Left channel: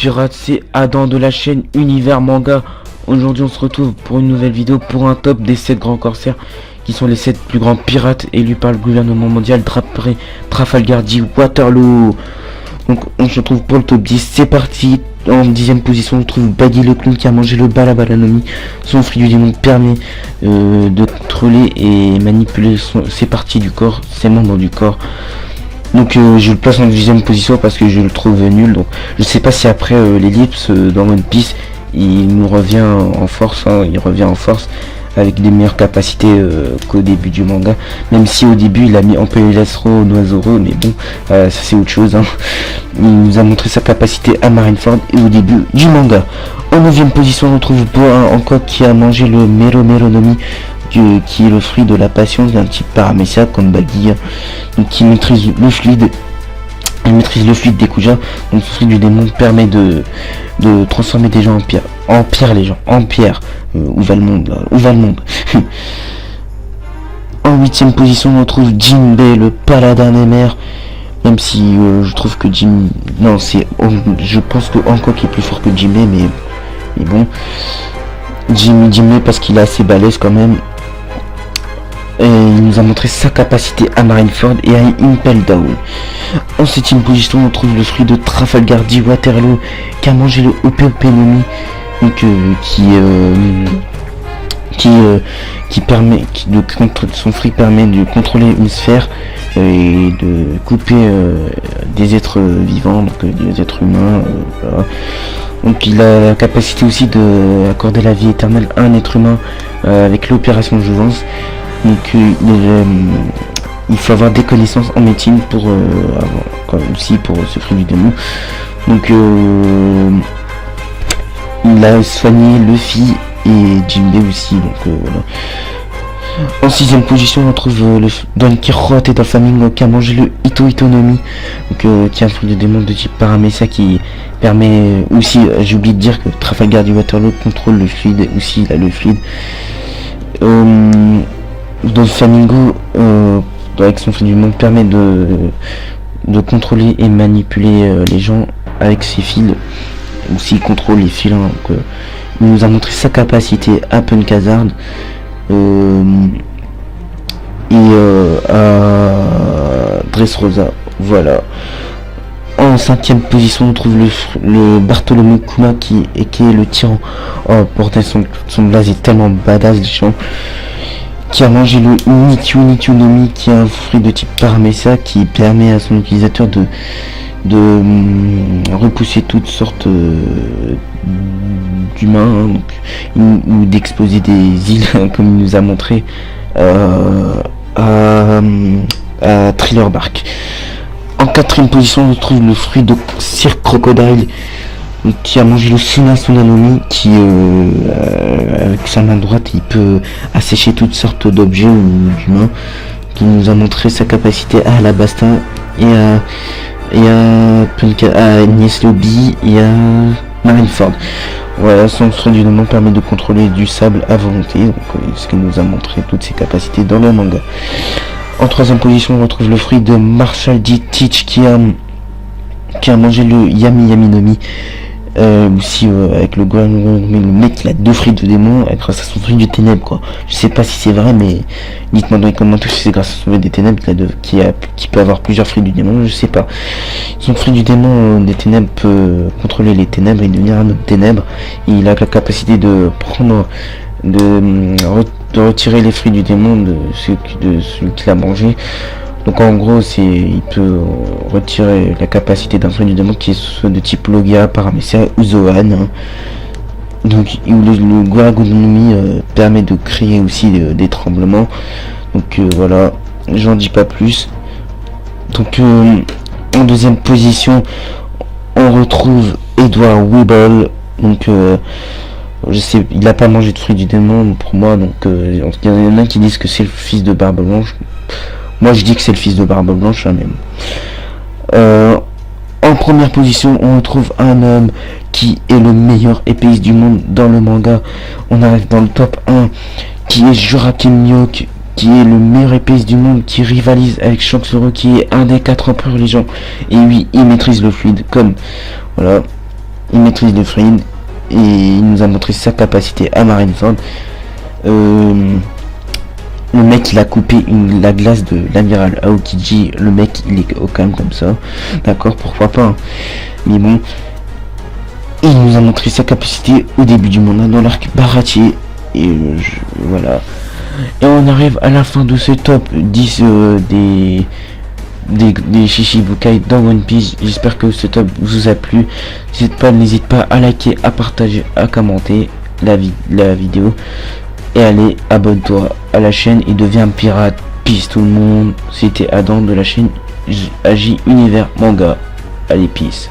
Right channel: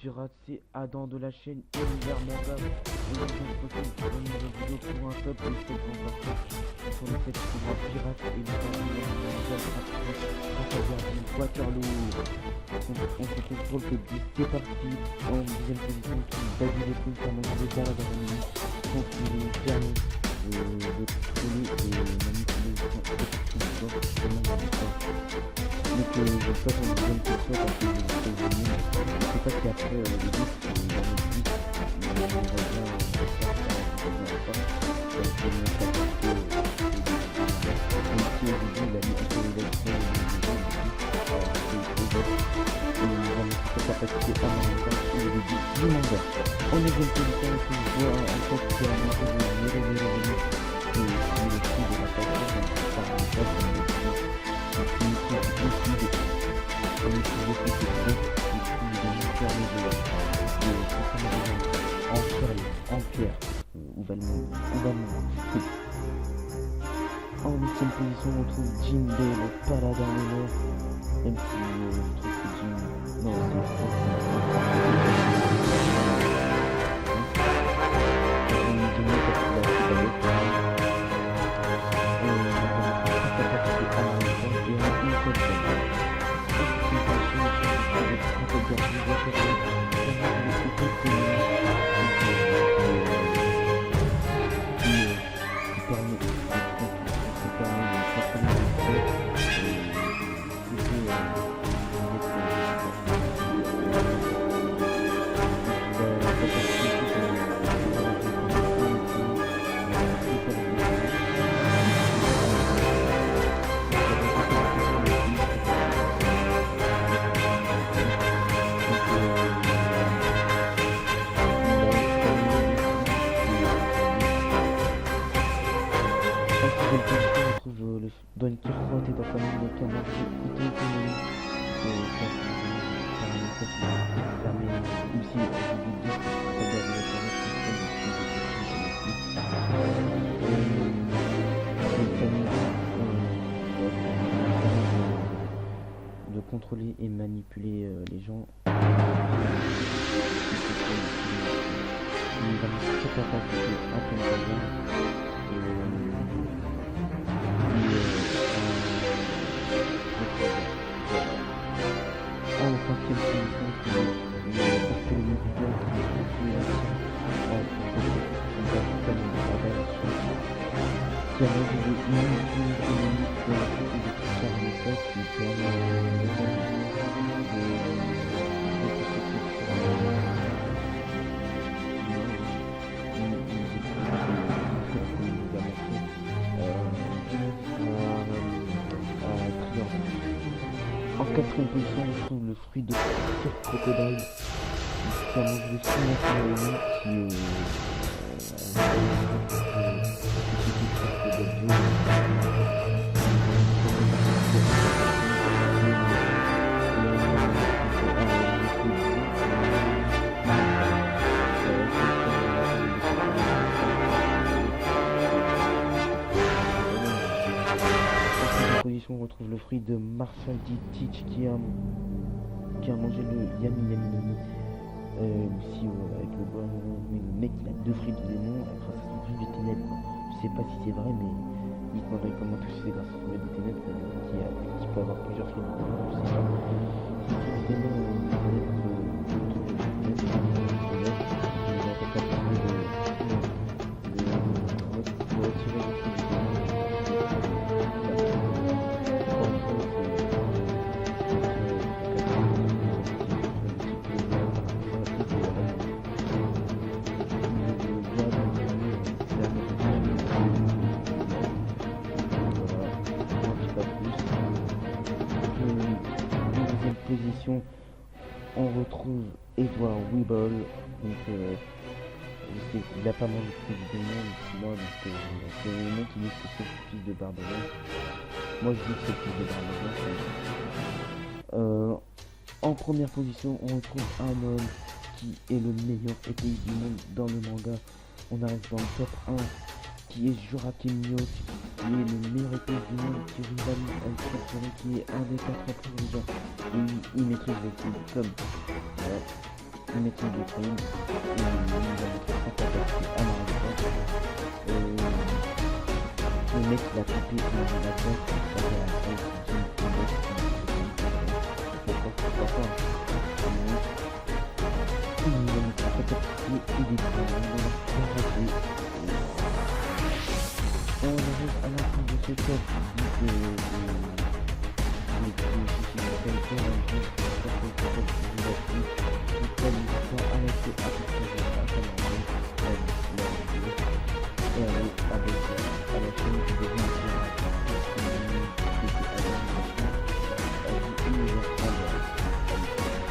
pirates, c'est Adam de la chaîne Univers Manga. Aujourd'hui on se retrouve pour une nouvelle vidéo pour un top des 7 grands corsaires qui sont les 7 plus grands pirates élus par le gouvernement mondial d'après Trafalgar Day Waterloo. Donc on se retrouve pour le top 10, c'est parti. En 10ème position on trouve Baggy le clown qui a mangé le Balabalanomi. Son fruit du démon permet de contrôler et manipuler ses parties du corps, ses membres du corps. Donc je le place en 10ème position parce que je le trouve nul. Donc je sais pas si après l'ellipse dans One Piece il nous revient en force, hein, il revient en force avec des meilleures capacités qu'au début du manga, même si au début il a mis Ampelesro Noisoro, mais bon ça c'est autre chose, hein. Il nous a montré sa capacité à Marineford et au début du manga. En 9ème position on retrouve Boa encore qui a mangé le Mero Meronomi, qui est le fruit de la passion d'un type paramécia comme Baggy, donc qui maîtrise le fluide. Il maîtrise le fluide des Kuja. Donc ce fruit du démon permet de transformer des gens en pierre, les gens en pierre. Où va le monde là? Où va le monde? En 8ème position on retrouve Jinbei le paladin des mers. Même si je trouve que non, je pense que Hancock est plus fort que Jinbei, mais bon, Jinbei parce qu'il est assez balèze quand même. Et il nous a montré sa capacité à Marineford et à Impel Down. En 7ème position on trouve le fruit de Trafalgar Day Waterloo qui a mangé le Openomi, donc son fruit permet de contrôler une sphère et de couper des êtres vivants, donc des êtres humains, voilà. Donc il a la capacité aussi de accorder la vie éternelle à un être humain avec l'opération Jouvence. Donc il faut avoir des connaissances en médecine pour aussi pour ce fruit du démon. Donc il a soigné Luffy et Jinbei aussi. Donc voilà. En 6ème position on trouve Don Quijote et Doflamingo qui a mangé le Ito Itonomi, donc qui est un fruit de démon de type paramécia qui permet aussi, j'ai oublié de dire que Trafalgar Day Waterloo contrôle le fluide, aussi il a le fluide. Doflamingo avec son fruit du monde permet de contrôler et manipuler les gens avec ses fils, aussi il contrôle les fils, hein, donc, il nous a montré sa capacité à Punkazard et à Dressrosa, voilà. En 5ème position on trouve le Bartholomew Kuma qui est le tyran. Oh pourtant son blaze est tellement badass, les gens. Qui a mangé le Nityunomi qui est un fruit de type paramécia qui permet à son utilisateur de repousser toutes sortes d'humains, hein, ou d'exploser des îles comme il nous a montré à Thriller Bark. En 4ème position on trouve le fruit de Sir Crocodile qui a mangé le Sunanomi qui avec sa main droite il peut assécher toutes sortes d'objets ou d'humains, qui nous a montré sa capacité à Alabasta et à Nies Lobby et à Marineford. Voilà, son fruit du démon permet de contrôler du sable à volonté, donc ce qui nous a montré toutes ses capacités dans le manga. En 3ème position on retrouve le fruit de Marshall D. Teach qui a mangé le Yami Nomi. Aussi avec le mec il a 2 fruits de démon grâce à son fruit du ténèbres, quoi. Je sais pas si c'est vrai, mais dites-moi dans les commentaires si c'est grâce à son fruit des ténèbres qui peut avoir plusieurs fruits du démon, je sais pas. Son fruit du démon des ténèbres peut contrôler les ténèbres et devenir un autre ténèbre. Il a la capacité de retirer les fruits du démon de celui qu'il a mangé. Donc en gros il peut retirer la capacité d'un fruit du démon qui est soit de type Logia, Paramécia ou Zoan, hein. Donc le Guaragonomi permet de créer aussi des tremblements. Donc voilà, j'en dis pas plus. Donc en 2ème position on retrouve Edward Weeble. Donc je sais, il a pas mangé de fruit du démon pour moi, donc il y en a qui disent que c'est le fils de Barbe Blanche. Moi je dis que c'est le fils de Barbe Blanche, hein, même. En première position on retrouve un homme qui est le meilleur épéiste du monde dans le manga. On arrive dans le top 1 qui est Jurakim Miyok, qui est le meilleur épéiste du monde, qui rivalise avec Shanks qui est un des 4 empereurs les gens. Et oui, il maîtrise le fluide comme voilà. il maîtrise le fluide et il nous a montré sa capacité à Marineford. Le mec il a coupé la glace de l'amiral Aokiji. Le mec il est au calme comme ça. D'accord, pourquoi pas. Hein. Mais bon. Il nous a montré sa capacité au début du monde dans l'arc Baratie. Et voilà. Et on arrive à la fin de ce top 10 des Shichibukai dans One Piece. J'espère que ce top vous a plu. N'hésite pas à liker, à partager, à commenter la vidéo. Et allez, abonne-toi à la chaîne et deviens pirate. Peace tout le monde. C'était Adam de la chaîne AJ Univers Manga. Allez, peace.